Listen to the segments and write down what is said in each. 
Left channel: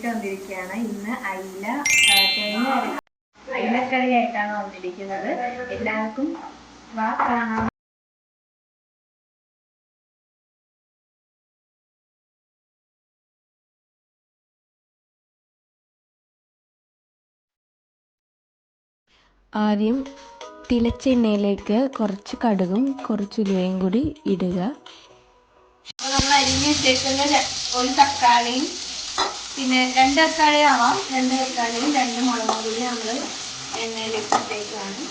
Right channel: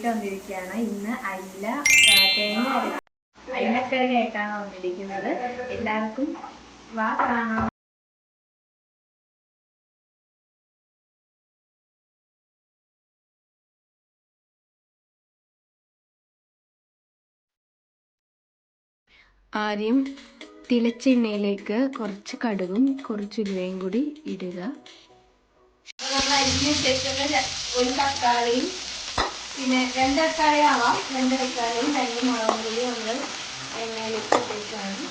ആയിട്ട് വന്നിരിക്കുകയാണ്. ഇന്ന് അയിലക്കറിയായിട്ടാണ് വന്നിരിക്കുന്നത്. എല്ലാവർക്കും വാ കാണാം. ആദ്യം തിളച്ച എണ്ണയിലേക്ക് കുറച്ച് കടുകും കുറച്ച് ഉലുവയും കൂടി ഇടുക. നമ്മൾ അരിഞ്ഞിട്ടേക്കുന്ന ഒരു തക്കാളിയും പിന്നെ 2 തക്കാളി ആവാം, 2 തക്കാളിയും 2 മുളകും കൂടി നമ്മൾ എണ്ണയിലേക്ക് ഇട്ടേക്കാണ്.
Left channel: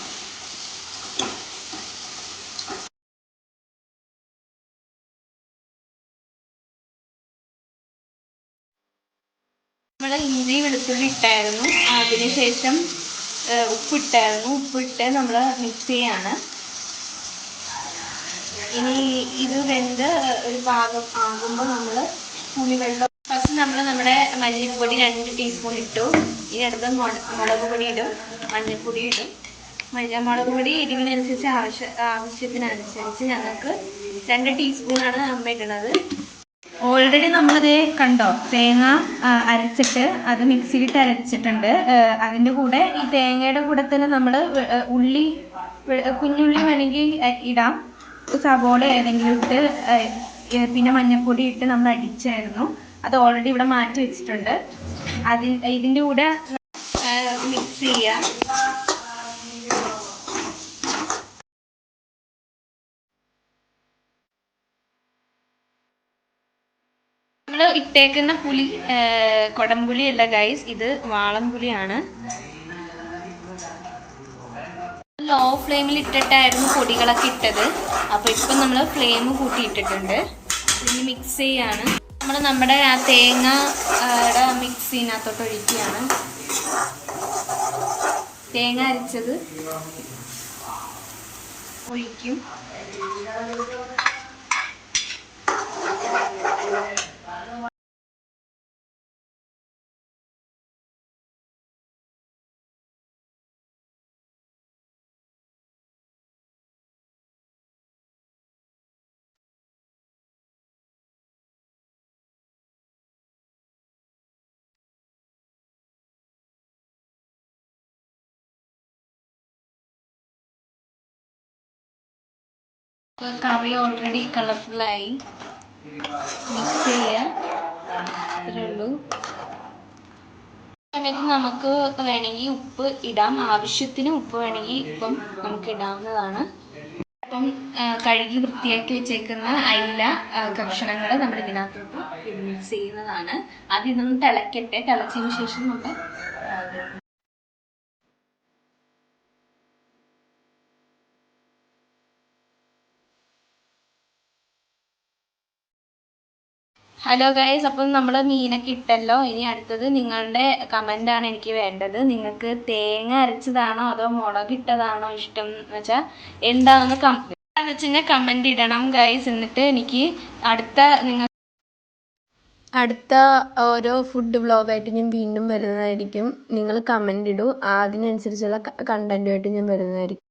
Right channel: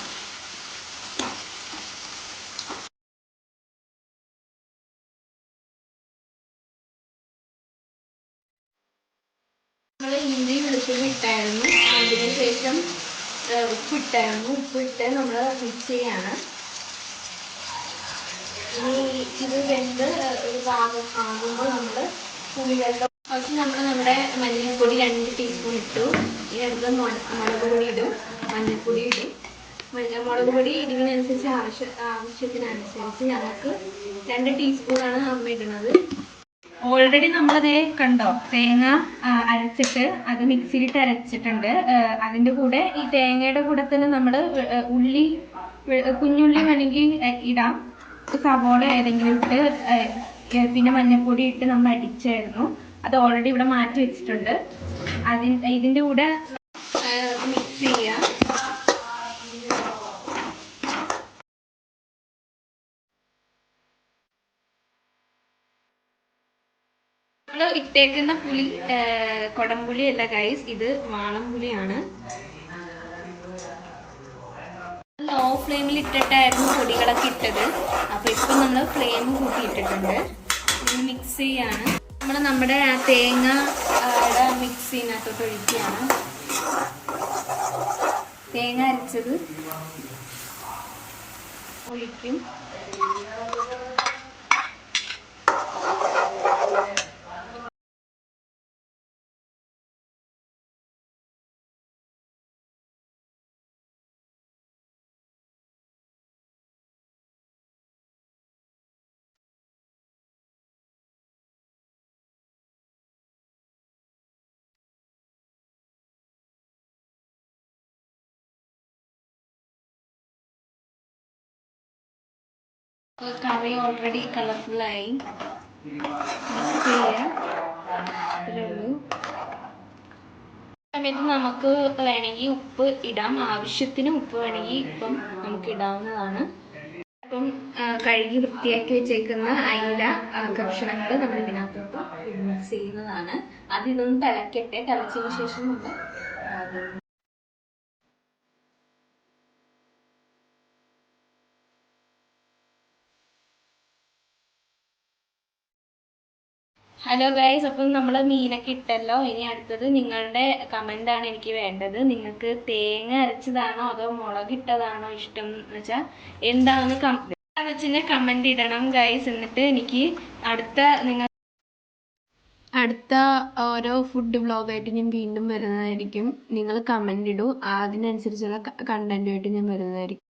നമ്മൾ ഇഞ്ചി വെളുത്തുള്ളി ഇട്ടായിരുന്നു. അതിനുശേഷം ഉപ്പിട്ട് നമ്മൾ മിക്സ് ചെയ്യാണ്. ഇനി ഇത് വെന്ത് ഒരു ഭാഗം ആകുമ്പോൾ നമ്മൾ പുളിവെള്ളം ഫസ്റ്റ് നമ്മുടെ മല്ലിപ്പൊടി 2 ടീസ്പൂൺ ഇട്ടു. ഇനി അടുത്ത് മുളക് പൊടി ഇടും, മഞ്ഞൾപ്പൊടി ഇടും. മുളക് പൊടി എരിവിനനുസരിച്ച് ആവശ്യത്തിനനുസരിച്ച് ഞങ്ങൾക്ക് 2 ടീസ്പൂണാണ് അമ്മ ഇടുന്നത്. ഓൾറെഡി നമ്മളത് കണ്ടോ, തേങ്ങ അരച്ചിട്ട് അത് മിക്സിയിലിട്ട് അരച്ചിട്ടുണ്ട്. അതിൻ്റെ കൂടെ ഈ തേങ്ങയുടെ കൂടെ തന്നെ നമ്മൾ കുഞ്ഞുള്ളി വേണമെങ്കിൽ ഇടാം, സവോള ഏതെങ്കിലും ഇട്ട് പിന്നെ മഞ്ഞൾപ്പൊടി ഇട്ട് നമ്മൾ അടിച്ചായിരുന്നു. അത് ഓൾറെഡി ഇവിടെ മാറ്റി വെച്ചിട്ടുണ്ട്. ഇതിൻ്റെ കൂടെ മിക്സ് ചെയ്യാം. നമ്മൾ ഇട്ടേക്കുന്ന പുളി കൊടംപുളി അല്ല ഗൈസ്, ഇത് വാളംപുളിയാണ്. ലോ ഫ്ലെയിമിൽ ഇട്ടിട്ടായിരുന്നു പൊടികളൊക്കെ ഇട്ടത്. അപ്പോൾ ഇപ്പം നമ്മൾ ഫ്ലെയിം കൂട്ടിയിട്ടിട്ടുണ്ട്. ഇനി മിക്സ് ചെയ്യാണ്. നമ്മുടെ ആ തേങ്ങയുടെ മിക്സിനകത്തോട്ട് ഒഴിക്കുകയാണ്. തേങ്ങ അരച്ചത് ഒഴിക്കും. കറി ഓൾറെഡി കളർഫുള്ളായി. മിക്സ് ചെയ്യുക, അത്രേ ഉള്ളൂ. സമയത്ത് നമുക്ക് വേണമെങ്കിൽ ഉപ്പ് ഇടാം, ആവശ്യത്തിന് ഉപ്പ് വേണമെങ്കിൽ ഇപ്പം നമുക്ക് ഇടാവുന്നതാണ്. അപ്പം കഴുകി വൃത്തിയാക്കി വെച്ചേക്കുന്ന അയില കഷ്ണങ്ങൾ നമ്മൾ ഇതിനകത്തോട്ട് മിക്സ് ചെയ്യുന്നതാണ്. അത് ഇതൊന്ന് തിളക്കട്ടെ. തിളച്ചതിന് ശേഷം നമ്മൾ ഹലോ ഗൈസ്, അപ്പം നമ്മൾ മീനൊക്കെ ഇട്ടല്ലോ. ഇനി അടുത്തത് നിങ്ങളുടെ കമൻ്റാണ് എനിക്ക് വേണ്ടത്. നിങ്ങൾക്ക് തേങ്ങ അരച്ചതാണോ അതോ മുളകിട്ടതാണോ ഇഷ്ടം എന്ന് വെച്ചാൽ എന്താണെന്ന് വെച്ചാൽ കമൻ്റ് ഇടണം ഗൈസ്. എന്നിട്ട് എനിക്ക് അടുത്ത ഓരോ ഫുഡ് വ്ളോഗായിട്ട് ഞാൻ വീണ്ടും വരുന്നതായിരിക്കും. നിങ്ങൾ കമൻ്റ് ഇടൂ, അതിനനുസരിച്ചുള്ള കണ്ടൻറ്റുമായിട്ട് ഞാൻ വരുന്നതായിരിക്കും.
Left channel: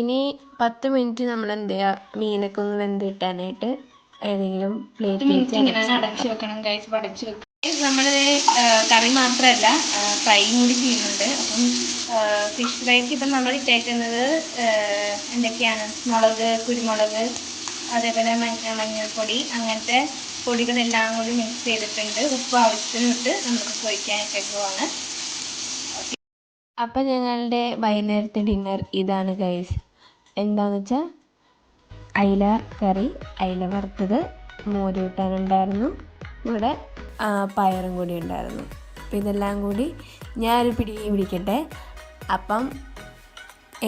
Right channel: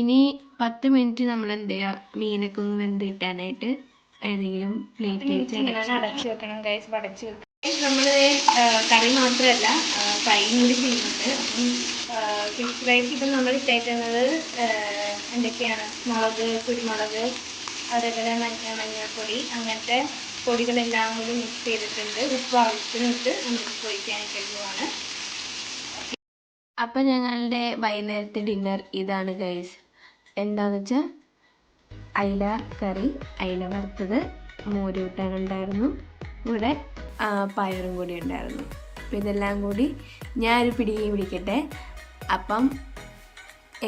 ഇനി 10 മിനിറ്റ് നമ്മൾ എന്ത് ചെയ്യുക, മീനൊക്കെ ഒന്ന് വെന്ത് കിട്ടാനായിട്ട് ഏതെങ്കിലും പ്ലേറ്റ് അടച്ചു വെക്കണം ഗൈസ്. അടച്ചു വെക്കണം. നമ്മളിത് കറി മാത്രമല്ല ഫ്രൈയും കൂടി ചെയ്യുന്നുണ്ട്. അപ്പം ഫിഷ് ഫ്രൈക്ക് ഇപ്പം നമ്മൾ ഇട്ടേക്കുന്നത് എന്തൊക്കെയാണ്, മുളക്, കുരുമുളക്, അതേപോലെ മഞ്ഞൾപ്പൊടി, അങ്ങനത്തെ പൊടികളെല്ലാം കൂടി മിക്സ് ചെയ്തിട്ടുണ്ട്. ഉപ്പ് ആവശ്യത്തിനിട്ട് നമുക്ക് പൊരിക്കാനായിട്ട് പോവാണ്. അപ്പം ഞങ്ങളുടെ വൈകുന്നേരത്തെ ഡിന്നർ ഇതാണ് ഗൈസ്. എന്താണെന്ന് വെച്ചാൽ അയില കറി, അയില വറുത്തത്, മോര് കൂട്ടാനുണ്ടായിരുന്നു, ഇവിടെ പയറും കൂടി ഉണ്ടായിരുന്നു. അപ്പം ഇതെല്ലാം കൂടി ഞാനൊരു പിടിക്കട്ടെ. അപ്പം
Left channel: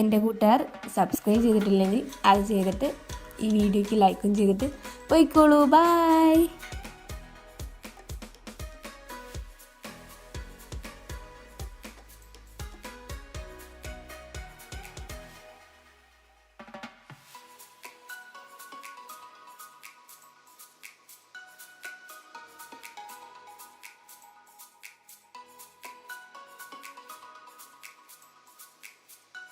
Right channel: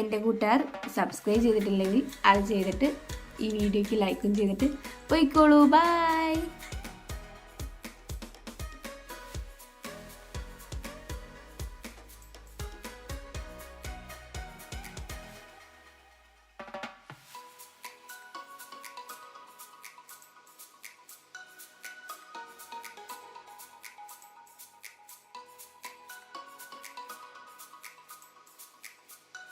എൻ്റെ കൂട്ടുകാർ സബ്സ്ക്രൈബ് ചെയ്തിട്ടില്ലെങ്കിൽ അത് ചെയ്തിട്ട് ഈ വീഡിയോയ്ക്ക് ലൈക്കും ചെയ്തിട്ട് പോയിക്കോളൂ. ബൈ.